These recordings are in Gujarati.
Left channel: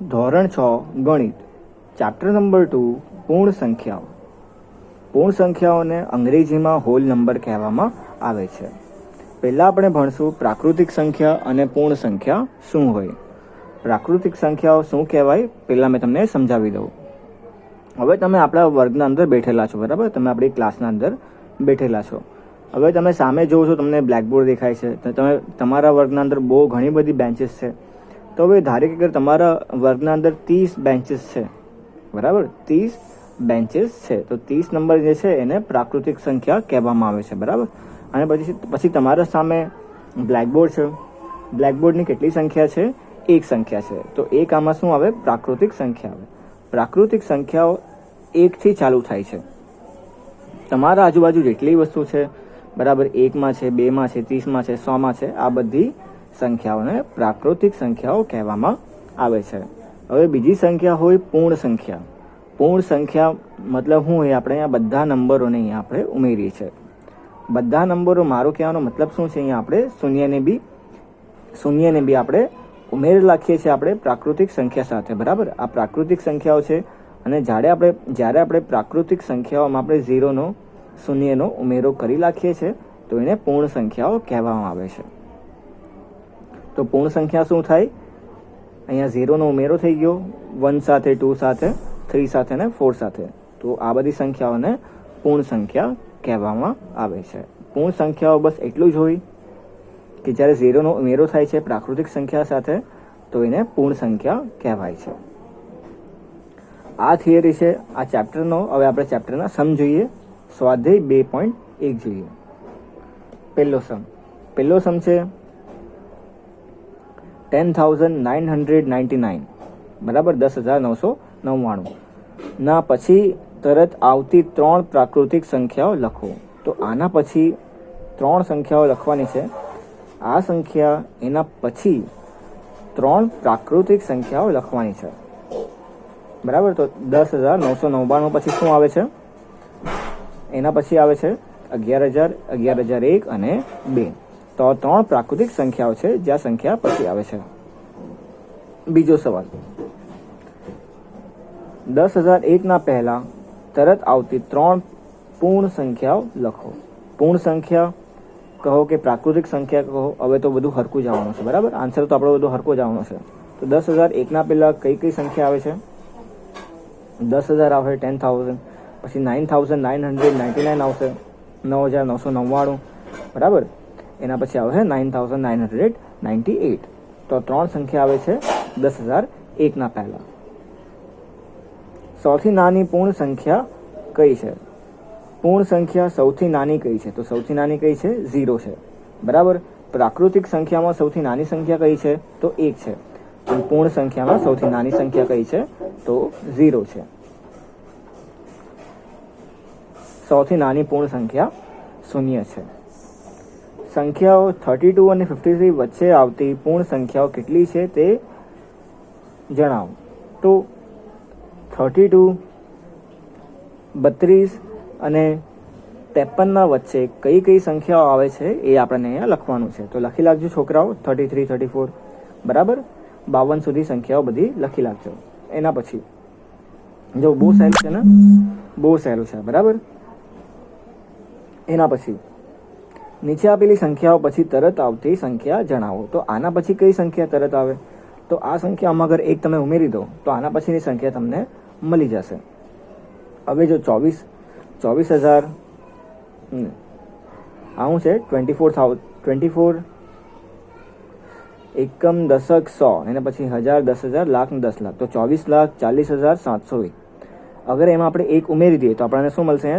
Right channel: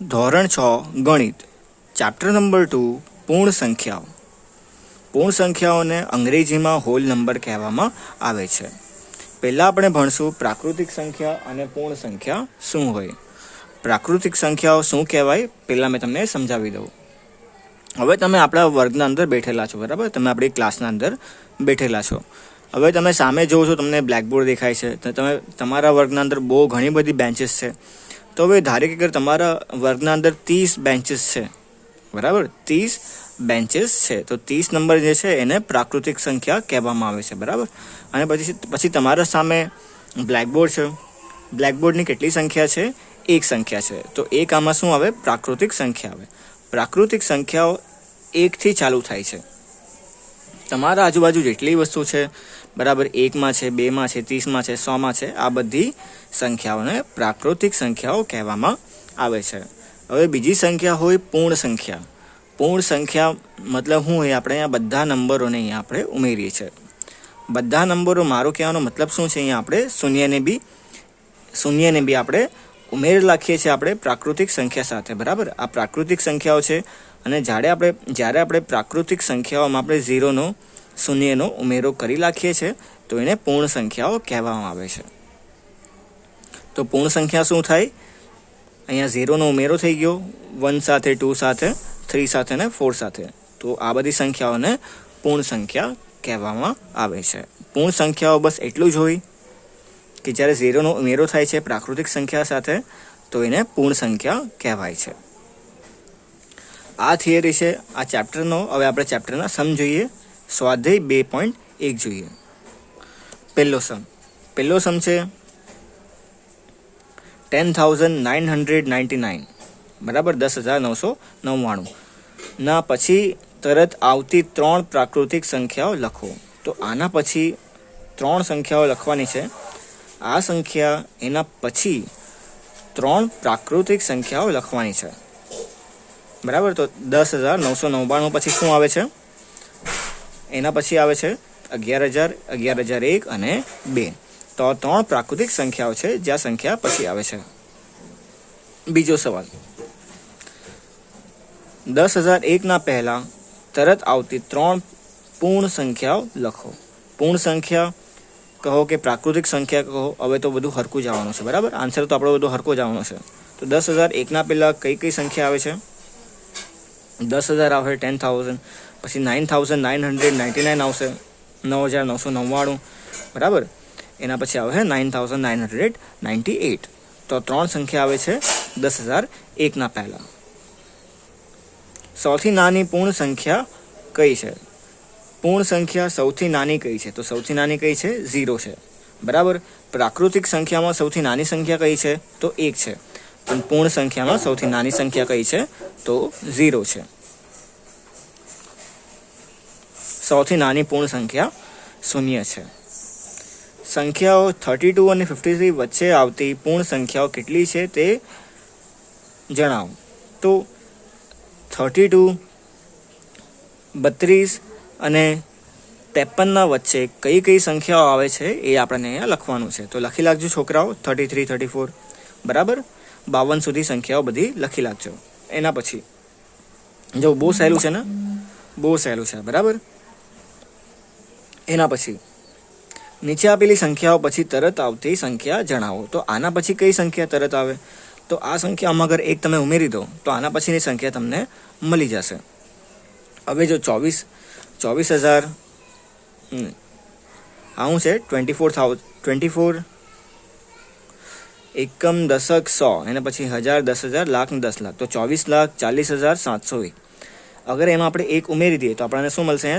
ધોરણ 6 ગણિત ચેપ્ટર નંબર 2 પૂર્ણ સંખ્યાઓ. પૂર્ણ સંખ્યાઓને અંગ્રેજીમાં હોલ નંબર કહેવામાં આવે છે. પહેલાં આપણે ભણશું પ્રાકૃતિક સંખ્યા અને પૂર્ણ સંખ્યા શું હોય. પ્રાકૃતિક સંખ્યાઓ શું કહેવાય પહેલાં મેં તમને સમજાવી દઉં. હવે તમે આપણા વર્ગના અંદર બેઠેલા છો, બરાબર? તમે આપણી ક્લાસના અંદર બેઠેલા છો. હવે તમે સામે જોવો છો, તમને બ્લેકબોર્ડ દેખાય છે. તો તમે તમારા વર્ગના અંદર બહુ ઘણી બધી બેન્ચીસ છે. તો હવે ધારો કે તમારા વર્ગના અંદર 30 બેન્ચીસ છે, બરાબર? 30 બેન્ચીસ છે. તો 30 નંબર જે છે એને પ્રાકૃતિક સંખ્યા કહેવામાં આવે છે, બરાબર? અને પછી તમારા સામે બ્લેકબોર્ડ છે. બ્લેકબોર્ડની કેટલી સંખ્યા છે? એક સંખ્યા છે. તો એક આમાં શું આવે? પ્રાકૃતિક સંખ્યા આવે. પ્રાકૃતિક સંખ્યાઓ 1 થી ચાલુ થાય છે. તમારા આજુબાજુ જેટલી વસ્તુ છે, બરાબર, 1માં છે, 2માં છે, 30માં છે, 100માં છે, આ બધી સંખ્યાઓને પ્રાકૃતિક સંખ્યાઓ કહેવામાં આવે છે. હવે બીજી સંખ્યા હોય પૂર્ણ સંખ્યા. પૂર્ણ સંખ્યા મતલબ શું હોય? આપણે અહીંયા બધા નંબરોને અહીંયા આપણે ઉમેરીએ છીએ. બધા નંબરો, મારો કહેવાનો મતલબ શું છે? અહીંયા આપણે શૂન્યને બી આપણે ઉમેરી રાખીએ છીએ આપણે પ્રાકૃતિક સંખ્યા સાથે, બરાબર? આ પ્રાકૃતિક સંખ્યાઓ છે. અને જ્યારે આપણે પ્રાકૃતિક સંખ્યાઓમાં આપણે શૂન્યનો ઉમેરો કરી રાખીએ છીએ તો એને પૂર્ણ સંખ્યાઓ કહેવામાં આવે છે. તો પૂર્ણ સંખ્યા શું થાય? અહીંયા 0નો ઉમેરો થઈ ગયો, 1 સાથે, 2 સાથે, 3 સાથે અને 4 સાથે. તો આ બધી સંખ્યાઓને પૂર્ણ સંખ્યા કહેવામાં આવે છે. પૂર્ણ સંખ્યાઓ બસ એટલું જ હોય કે જ્યારે 0નો ઉમેરો થાય છે પ્રાકૃતિક સંખ્યા સાથે તો એને પૂર્ણ સંખ્યા કહેવાય છે. આ થિયરી છે આ ચેપ્ટરનો. હવે આપણે ચેપ્ટરના સમ જોઈએ. સ્વાધ્યાય 2.1 જોઈએ. પહેલો સમ છે 10,999, બરાબર? 10,999 ના પછી તરત આવતી 3 પ્રાકૃતિક સંખ્યાઓ લખો. તો આના પછી 3 સંખ્યાઓ લખવાની છે. આ સંખ્યા એના પછી 3 પ્રાકૃતિક સંખ્યાઓ લખવાની છે, બરાબર? તો 10,999 પછી શું આવે છે? એના પછી આવે છે 11,000, 11,001 અને 2. તો 3 પ્રાકૃતિક સંખ્યાઓ છે જે આ સંખ્યા પછી આવે છે. બીજો સવાલ, 10,001 ના પહેલા તરત આવતી 3 પૂર્ણ સંખ્યાઓ લખો. પૂર્ણ સંખ્યા કહો કે પ્રાકૃતિક સંખ્યા કહો, હવે તો બધું હરખું જ આવવાનું છે, બરાબર? આન્સર તો આપણો બધું હરખું જ આવવાનો છે. તો 10,001 ના પહેલા કઈ સંખ્યા આવે છે? 10,000 આવે, 10,000, પછી 9,999 આવશે, 9,999, બરાબર? એના પછી આવે 9,998. તો 3 સંખ્યા આવે છે 10,001 ના પહેલા. સૌથી નાની પૂર્ણ સંખ્યા કઈ છે? પૂર્ણ સંખ્યા સૌથી નાની કઈ છે? તો સૌથી નાની કઈ છે? 0 છે, બરાબર? પ્રાકૃતિક સંખ્યામાં સૌથી નાની સંખ્યા કઈ છે? તો 1 છે. અને પૂર્ણ સંખ્યામાં સૌથી નાની સંખ્યા કઈ છે? તો 0 છે. સૌથી નાની પૂર્ણ સંખ્યા 0 છે. સંખ્યાઓ 32 અને 53 વચ્ચે આવતી પૂર્ણ સંખ્યાઓ કેટલી છે તે જણાવો. તો 32, 32 અને 53ના વચ્ચે કઈ સંખ્યાઓ આવે છે એ આપણને અહીંયા લખવાનું છે. તો લખી લાગજો છોકરાઓ, 33, 34, બરાબર? 52 સુધી સંખ્યાઓ બધી લખી લાગજો. એના પછી જો બહુ સહેલું છે ને, બહુ સહેલું છે, બરાબર? એના પછી નીચે આપેલી સંખ્યાઓ પછી તરત આવતી સંખ્યા જણાવો. તો આના પછી કઈ સંખ્યા તરત આવે? તો આ સંખ્યામાં અગર 1 તમે ઉમેરી દો તો આના પછીની સંખ્યા તમને મળી જશે. હવે જો 24,000 આવું છે, 24 એકમ, દશક, 100, એના પછી 1,000, 10,000, લાખ ને 10 લાખ. તો 24,40,701. અગર એમાં આપણે 1 ઉમેરી દઈએ તો આપણને શું મળશે?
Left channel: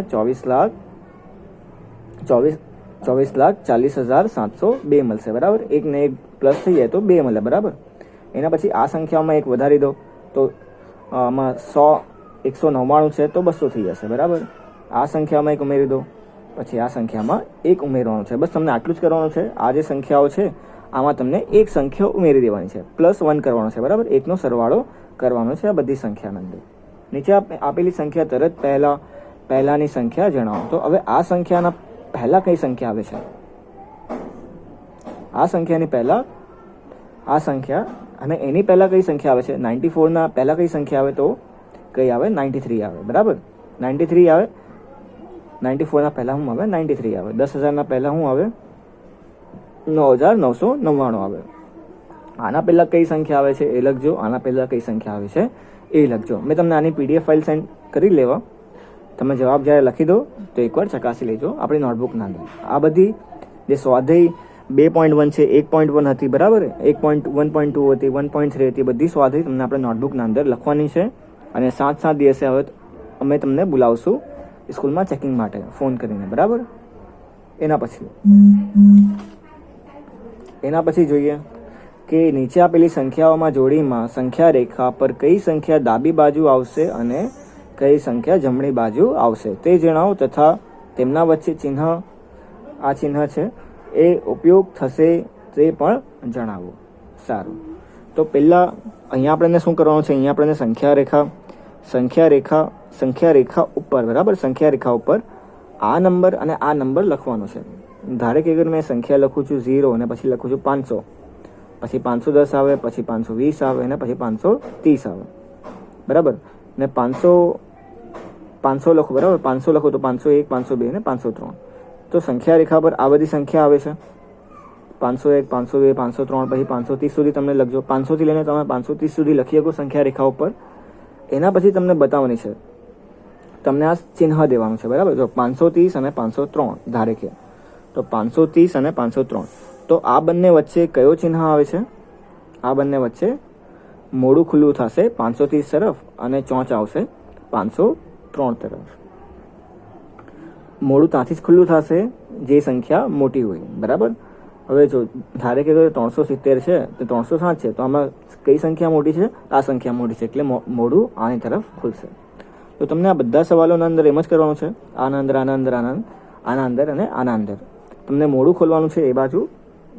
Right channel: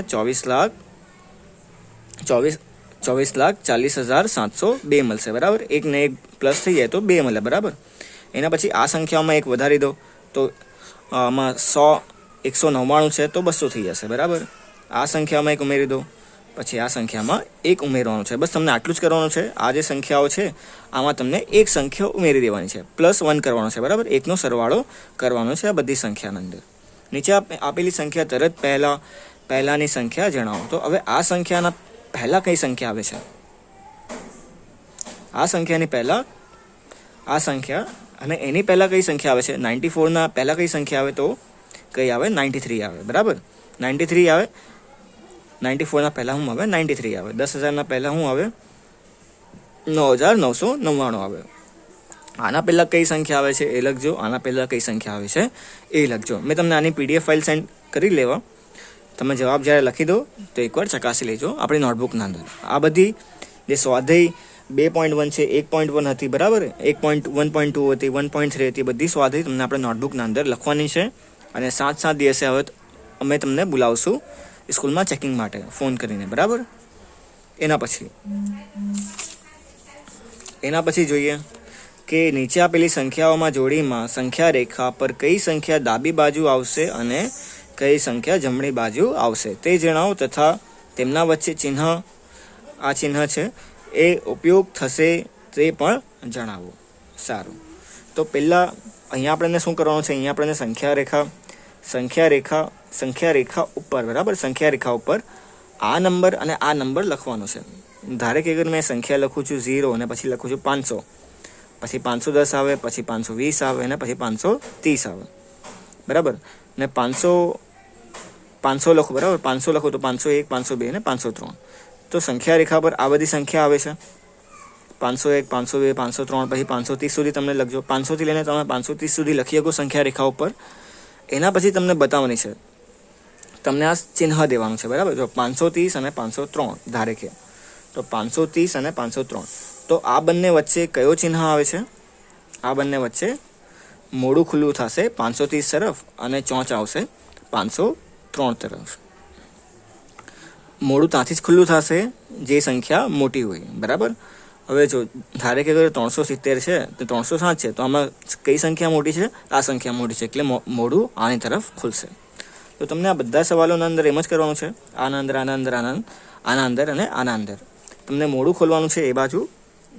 24,40,702 મળશે, બરાબર? 1 ને 1 પ્લસ થઈ જાય તો 2 મળે, બરાબર? એના પછી આ સંખ્યામાં 1 વધારી દો તો આમાં 199 છે તો 200 થઈ જશે, બરાબર? આ સંખ્યામાં 1 ઉમેરી દો, પછી આ સંખ્યામાં 1 ઉમેરવાનું છે. બસ તમને આટલું જ કરવાનું છે. આ જે સંખ્યાઓ છે આમાં તમને એક સંખ્યા ઉમેરી દેવાની છે, +1 કરવાનું છે, બરાબર? 1નો સરવાળો કરવાનો છે આ બધી સંખ્યાની અંદર. નીચે આપેલી સંખ્યા તરત પહેલાની સંખ્યા જણાવો. તો હવે આ સંખ્યાના પહેલા કઈ સંખ્યા આવે છે? આ સંખ્યાની પહેલા આ સંખ્યા અને એની પહેલાં કઈ સંખ્યા આવે છે? 94ના પહેલાં કઈ સંખ્યા આવે? તો કઈ આવે? 93 આવે. બરાબર, 93 આવે. 94ના પહેલાં શું આવે? 93 આવે. 10,000ના પહેલાં શું આવે? 9,999 આવે. આના પહેલાં કઈ સંખ્યા આવે છે એ લખજો, આના પહેલાં કઈ સંખ્યા આવે છે એ લખજો. મેં તમને આની PDF ફાઇલ સેન્ડ કરી લેવા, તમે જવાબ જ્યારે લખી દો તો એકવાર ચકાસી લેજો આપણી નોટબુકના અંદર. આ બધી જે સ્વાધ્યાય 2.1 છે, 1.1 હતી, બરાબર, 1.2 હતી, 1.3 હતી, બધી સ્વાધ્યાય તમને આપણે નોટબુકના અંદર લખવાની છે. અને 7 દિવસે હવે અમે તમને બોલાવશું સ્કૂલમાં ચેકિંગ માટે ફોન કરીને, બરાબર. એના પછી જોઈએ કે નીચે આપેલી સંખ્યાઓમાં જોડીમાં સંખ્યા રેખા પર કઈ સંખ્યા ડાબી બાજુ આવશે અને કઈ સંખ્યા જમણી બાજુ આવશે તે જણાવો તથા તેમના વચ્ચે ચિહ્ન, આ ચિહ્ન છે એ ઉપયોગ થશે તે પણ જણાવો. સારું, તો પહેલાં અહીંયા આપણને શું કરવાનું છે? અહીંયા આપણને સંખ્યા રેખા ઉપર, બરાબર, સંખ્યા રેખા ઉપર આ નંબર અને આ નંબર લખવાનો છે. ધારે કે અગર મેં સંખ્યા લખું છું 0 અને પછી લખું છું 500, પછી 510 આવે, પછી 520 આવે અને પછી 530 આવે, બરાબર. ને 500 લખો, બરાબર, 500 લખો તો 501, 502 અને 503. તો સંખ્યા રેખા પર આ બધી સંખ્યા આવે છે. 501, 502, 503, પછી 530 સુધી તમને લખજો. 500 થી લઈને તમે 530 સુધી લખી શકો સંખ્યા રેખા ઉપર. એના પછી તમને બતાવવાની છે, તમને આ ચિહ્ન દેવાનું છે, બરાબર. જો 530 અને 503 ધારે કે, તો 530 અને 503, તો આ બંને વચ્ચે કયો ચિહ્ન આવે છે? આ બંને વચ્ચે મોડું ખુલ્લું થશે 530 તરફ અને ચોંચ આવશે 503 તરફ. મોડું ત્યાંથી જ ખુલ્લું થશે જે સંખ્યા મોટી હોય, બરાબર. હવે જો ધારે કે અગર 370 છે તો 307 છે, તો આમાં કઈ સંખ્યા મોટી છે? આ સંખ્યા મોટી છે, એટલે મોડું આની તરફ ખુલશે. તો તમને આ બધા સવાલોના અંદર એમ જ કરવાનું છે, આના અંદર, આના અંદર, આના અંદર અને આના અંદર તમને મોડું ખોલવાનું છે એ બાજુ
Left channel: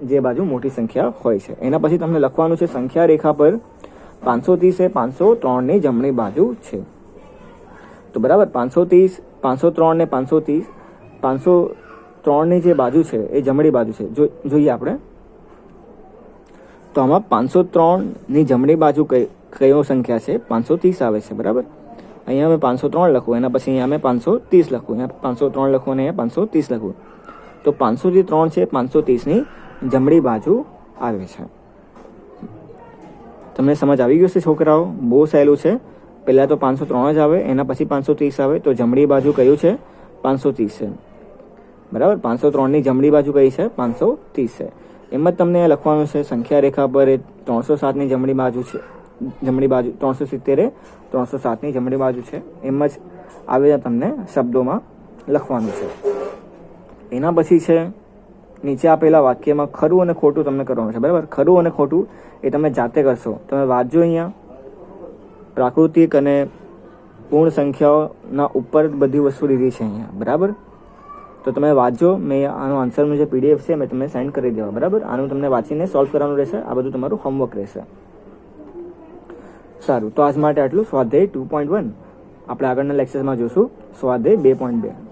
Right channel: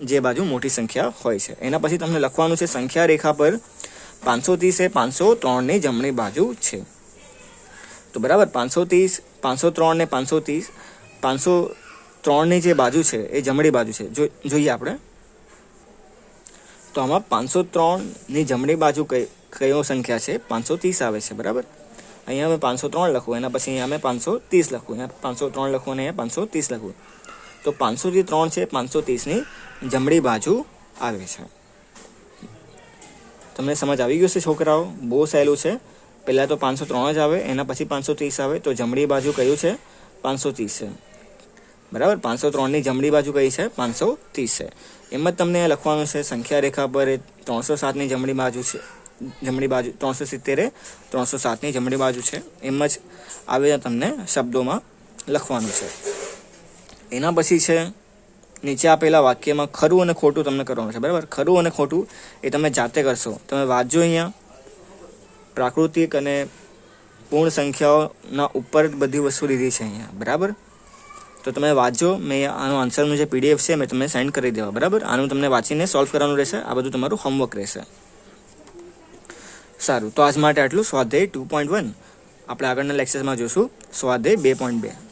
જે બાજુ મોટી સંખ્યા હોય છે. એના પછી તમને લખવાનું છે સંખ્યા રેખા પર 530 એ 503ની જમણી બાજુ છે. તો બરાબર, 530, 503 ને 530, 503ની જે બાજુ છે એ જમણી બાજુ છે. જોઈએ આપણે, તો આમાં 503ની જમણી બાજુ કયો સંખ્યા છે? 530 આવે છે, બરાબર. અહીંયા અમે 503 લખવું, એના પછી અહીંયા અમે 530 લખવું, અહીંયા 503 લખવું અને અહીંયા 530 લખવું. તો 503 છે 530ની જમણી બાજુ આવે છે. તમને સમજ આવી ગયું છે છોકરાઓ? બહુ સહેલું છે. પહેલાં તો 503 જ આવે, એના પછી 530 આવે, તો જમણી બાજુ કયું છે? 530 છે, બરાબર. 503ની જમણી બાજુ કઈ છે? 530 છે. એમ જ તમને લખવાનું છે સંખ્યા રેખા પર 307ની જમણી બાજુ છે, 370 એ 307ની જમણી બાજુ છે. એમ જ આવે તમને શબ્દોમાં લખવાનું છે. એના પછી છે નીચે આપેલા વાક્યમાં ખરું અને ખોટું તમને કરવાનું છે, બરાબર. ખરું અને ખોટું એ તમે જાતે કરશો. તમે વાંચજો. અહીંયા પ્રાકૃતિક અને પૂર્ણ સંખ્યાઓના ઉપર બધી વસ્તુ લીધી છે અહીંયા, બરાબર. તો તમે વાંચજો. મેં આનો આન્સરનું જે PDF છે મેં તમને સેન્ડ કરી દેવા, બરાબર. આનું તમને વાંચીને સોલ્વ કરવાનું રહેશે. આ બધું તમારું હોમવર્ક રહેશે. સારું, તો આજ માટે આટલું સ્વાધ્યાય 2.1. આપણે આગળના લેક્ચરમાં જોઈશું સ્વાધ્યાય 2.2.